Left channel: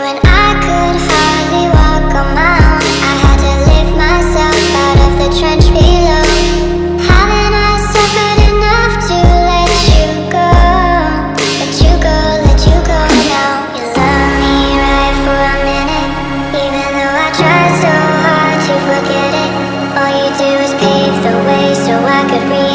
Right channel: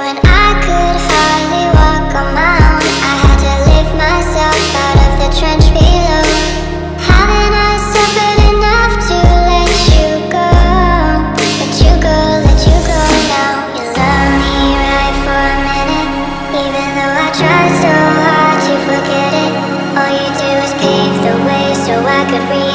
when I could hardly walk on my own. I had to lift myself out of the trench below. Haven't I suffered enough to let you go? Let you go, let you go now. You love me right for a minute, even though I tried so hard to forget it. All you do is pave the way so I could read